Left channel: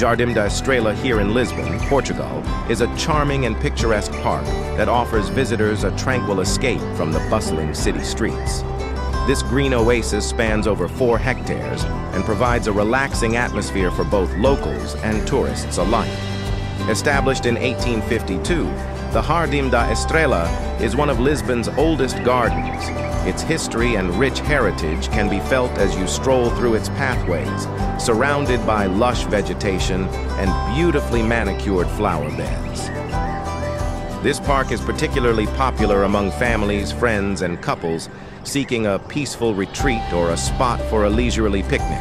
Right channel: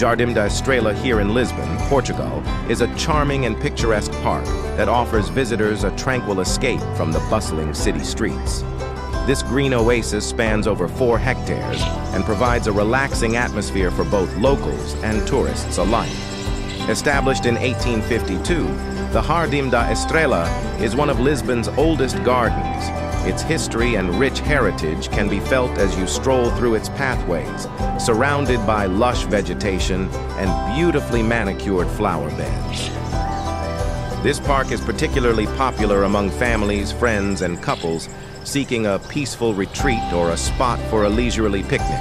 Jardim da Estrela here in Lisbon, Portugal, is a charming and picturesque park that offers visitors a tranquil escape from the bustling city streets. This green oasis spans over 4 hectares and provides a relaxing atmosphere for both locals and tourists alike. Established in 1852, the Jardim da Estrela is one of Lisbon's oldest gardens. Its history and rich heritage can be felt as you stroll through its pathways, surrounded by lush vegetation and beautifully manicured flower beds. This park is particularly popular among families, friends, and couples seeking a peaceful retreat or a spot for a leisurely picnic.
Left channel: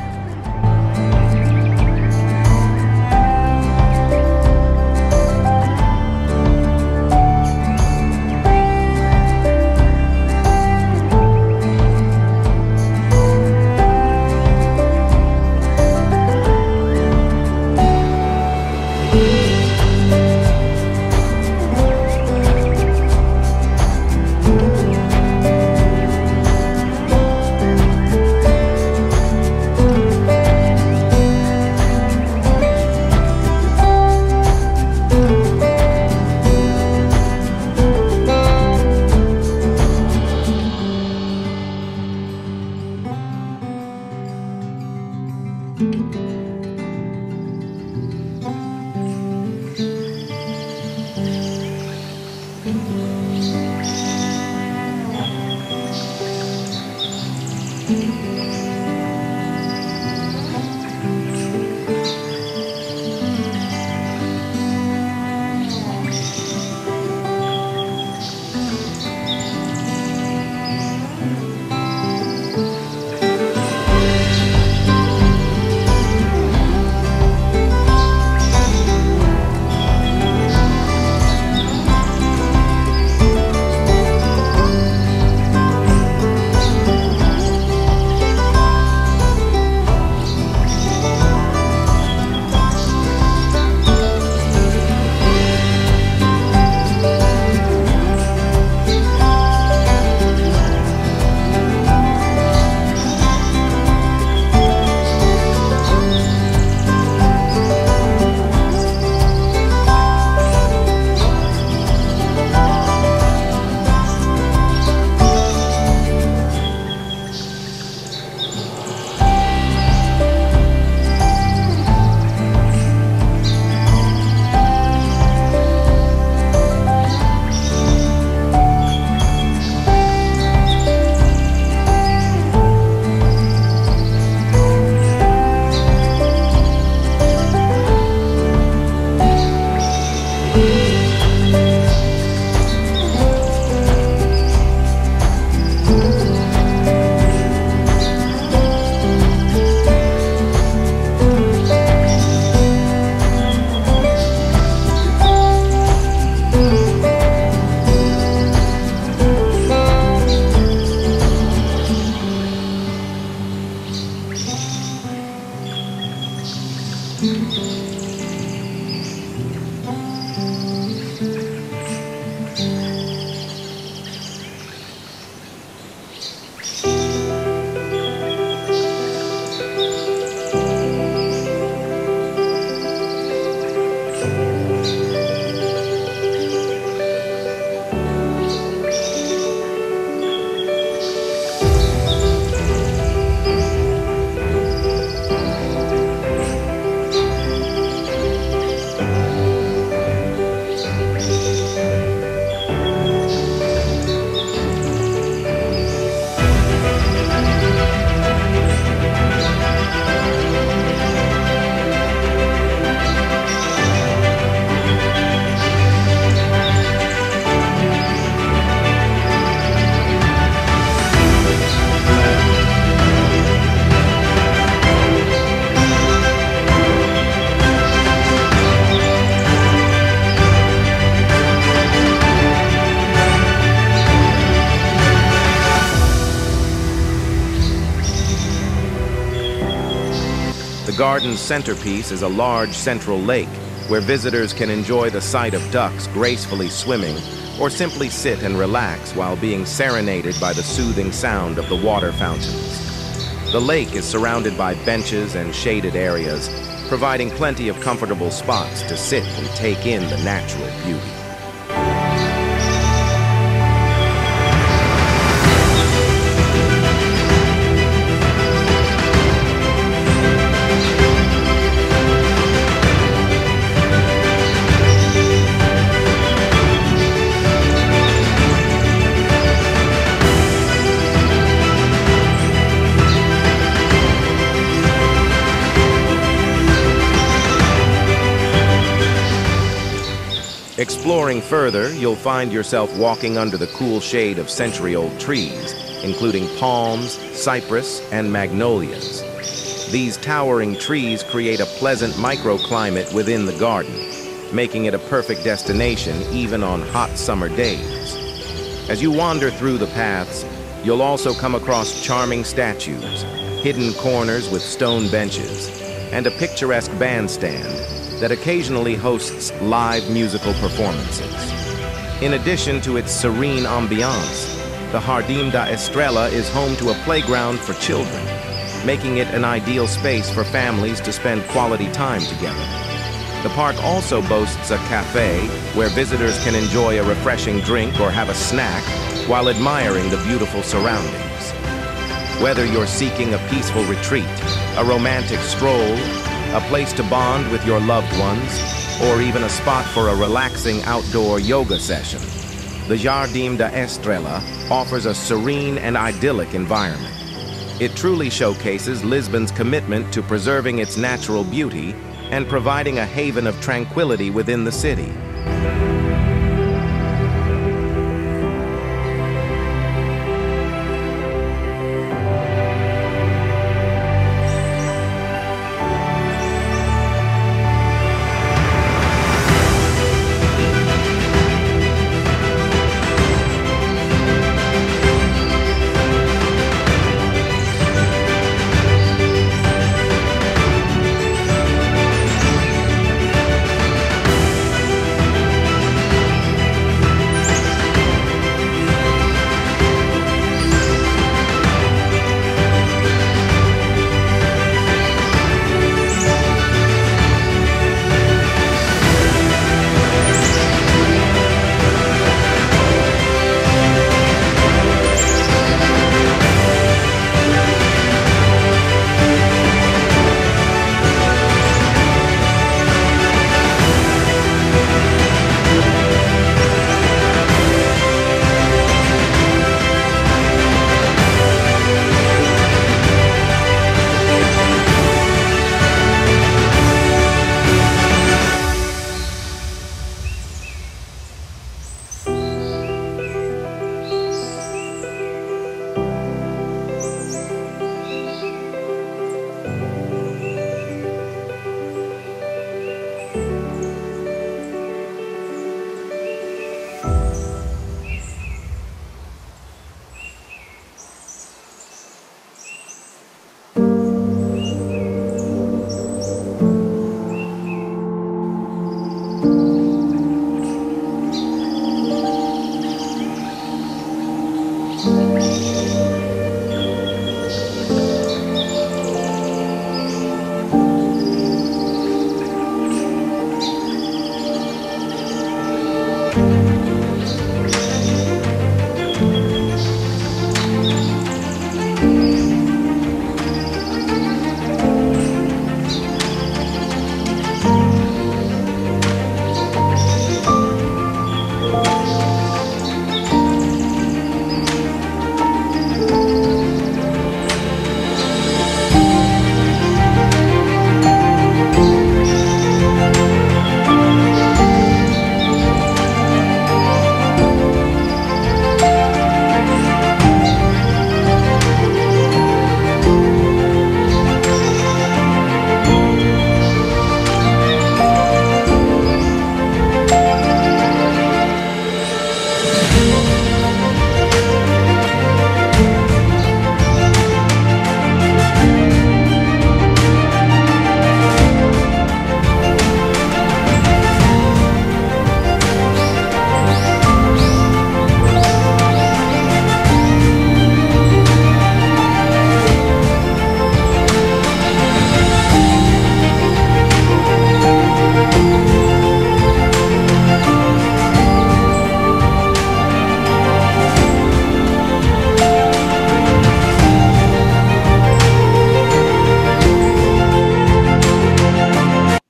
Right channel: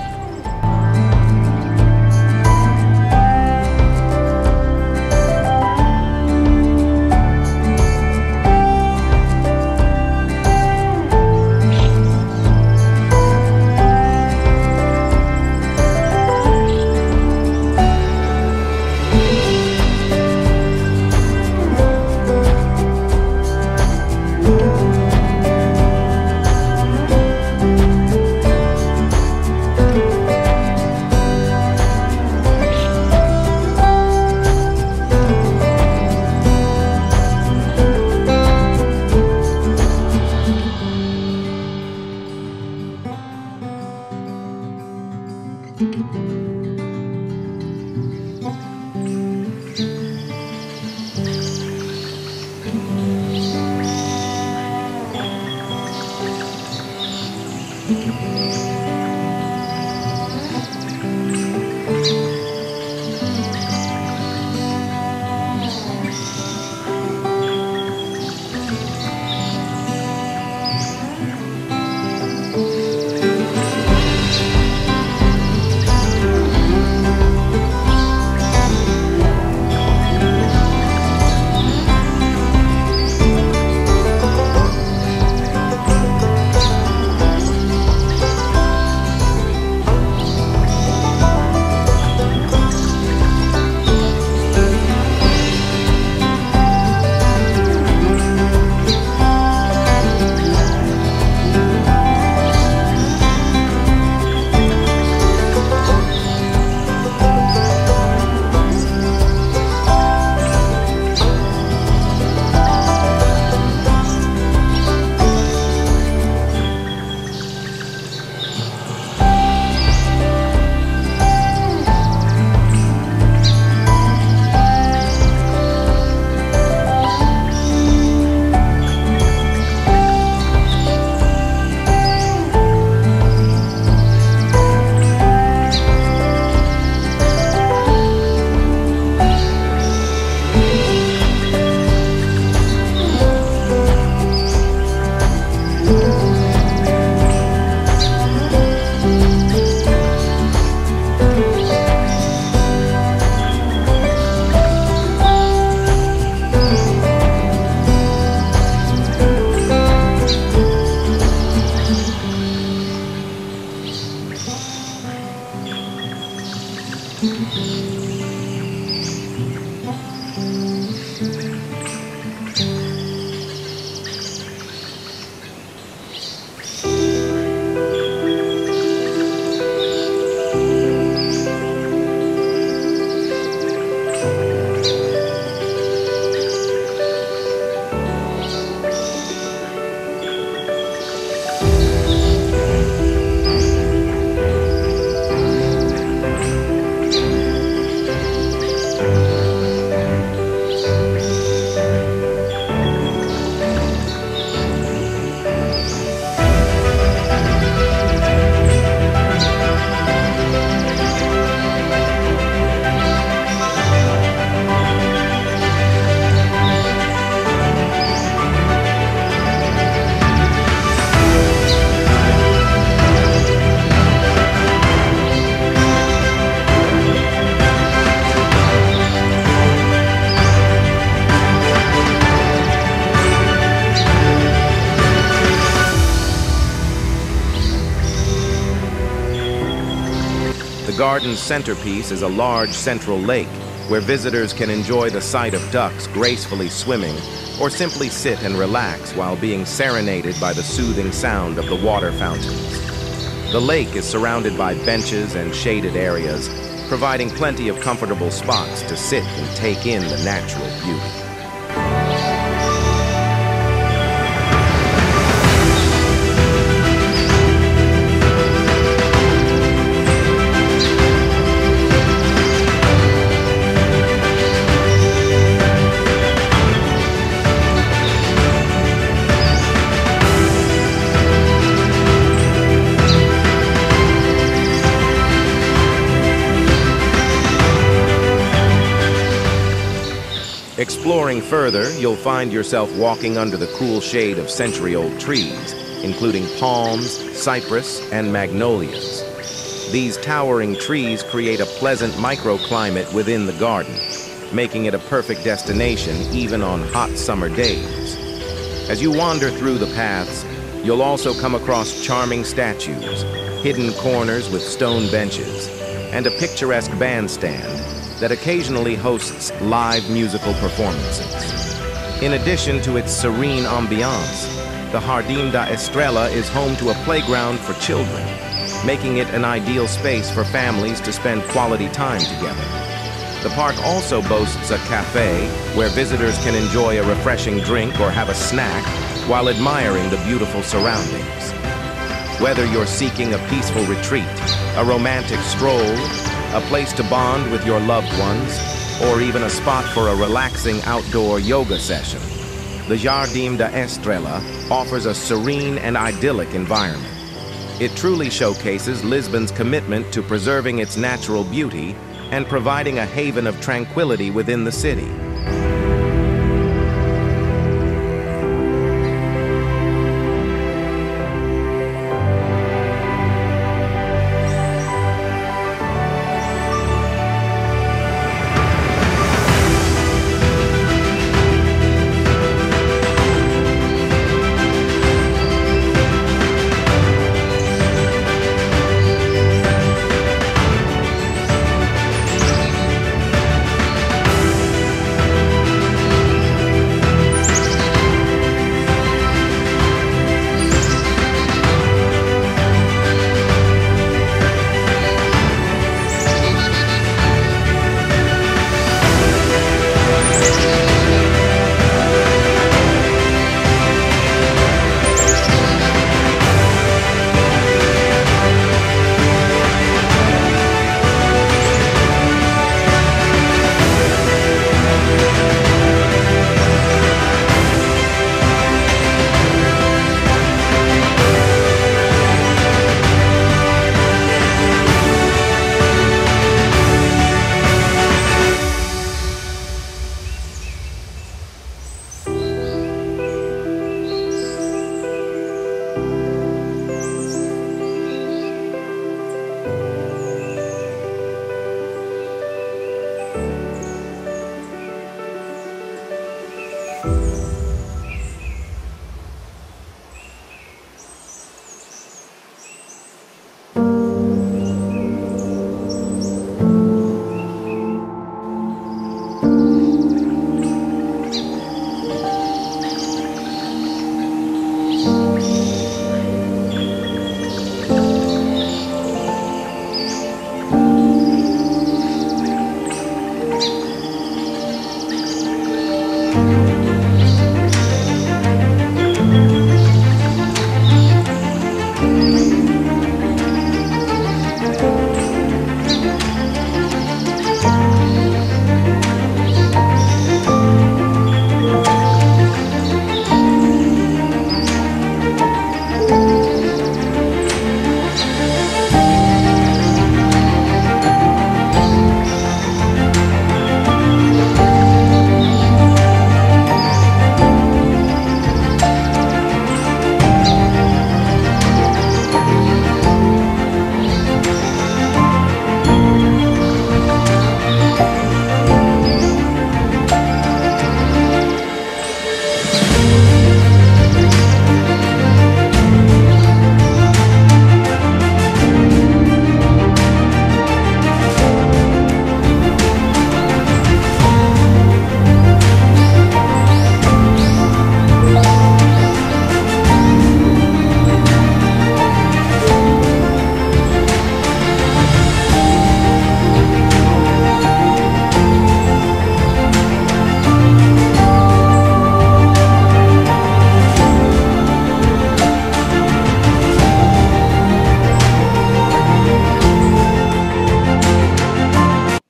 garden's centerpiece is a large central lake where visitors can enjoy the sight of ducks gracefully swimming or simply sit and relax while being serenaded by the soothing sound of the water fountains. The lake is surrounded by benches and shaded areas, providing plenty of comfortable spots to sit and take in the natural beauty. Exploring further, you'll find yourself walking under the cool shade of century-old trees, including palms, cypress, and magnolias. These towering trees create a pleasant microclimate within the garden, making it a perfect destination even on hot summer days. As you wander through the paths, you'll also come across charming statues, hidden corners with stone benches, and a picturesque bandstand that occasionally hosts live musical performances. In addition to its serene ambiance, the Jardim da Estrela is home to a playground for children, making it an ideal space for families to spend quality time together. The park also boasts a cafe where visitors can enjoy a refreshing drink or have a snack while admiring the beautiful surroundings. Whether you're seeking a peaceful retreat, a romantic stroll, a place to bond with your loved ones, or even a spot for a relaxing outdoor yoga session, the Jardim da Estrela offers a serene and idyllic environment. It truly showcases Lisbon's commitment to preserving its natural beauty and providing a haven of tranquility within the city.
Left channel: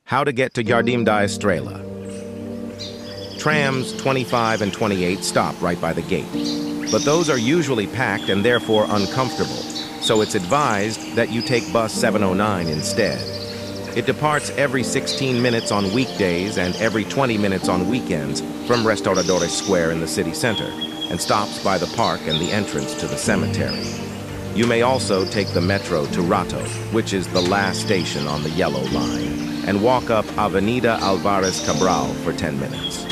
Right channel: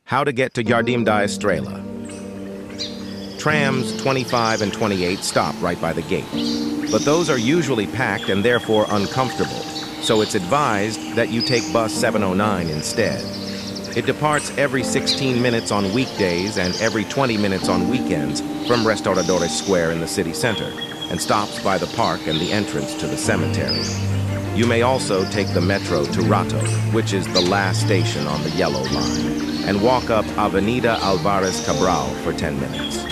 How to get to Jardim da Estrela. Trams 25 and 28 stop right by the gate, but those are usually packed and therefore uncomfortable, so it's advised that you take bus 709 instead. It departs every 16 minutes on weekdays and every 20 minutes on weekends from Restauradores Square in the city center, and stops by the park and the entrance to the cemetery. You may also take the metro to Rato, which is the last station on the yellow line, and walk up Avenida Alvarez Cabral for 10 minutes.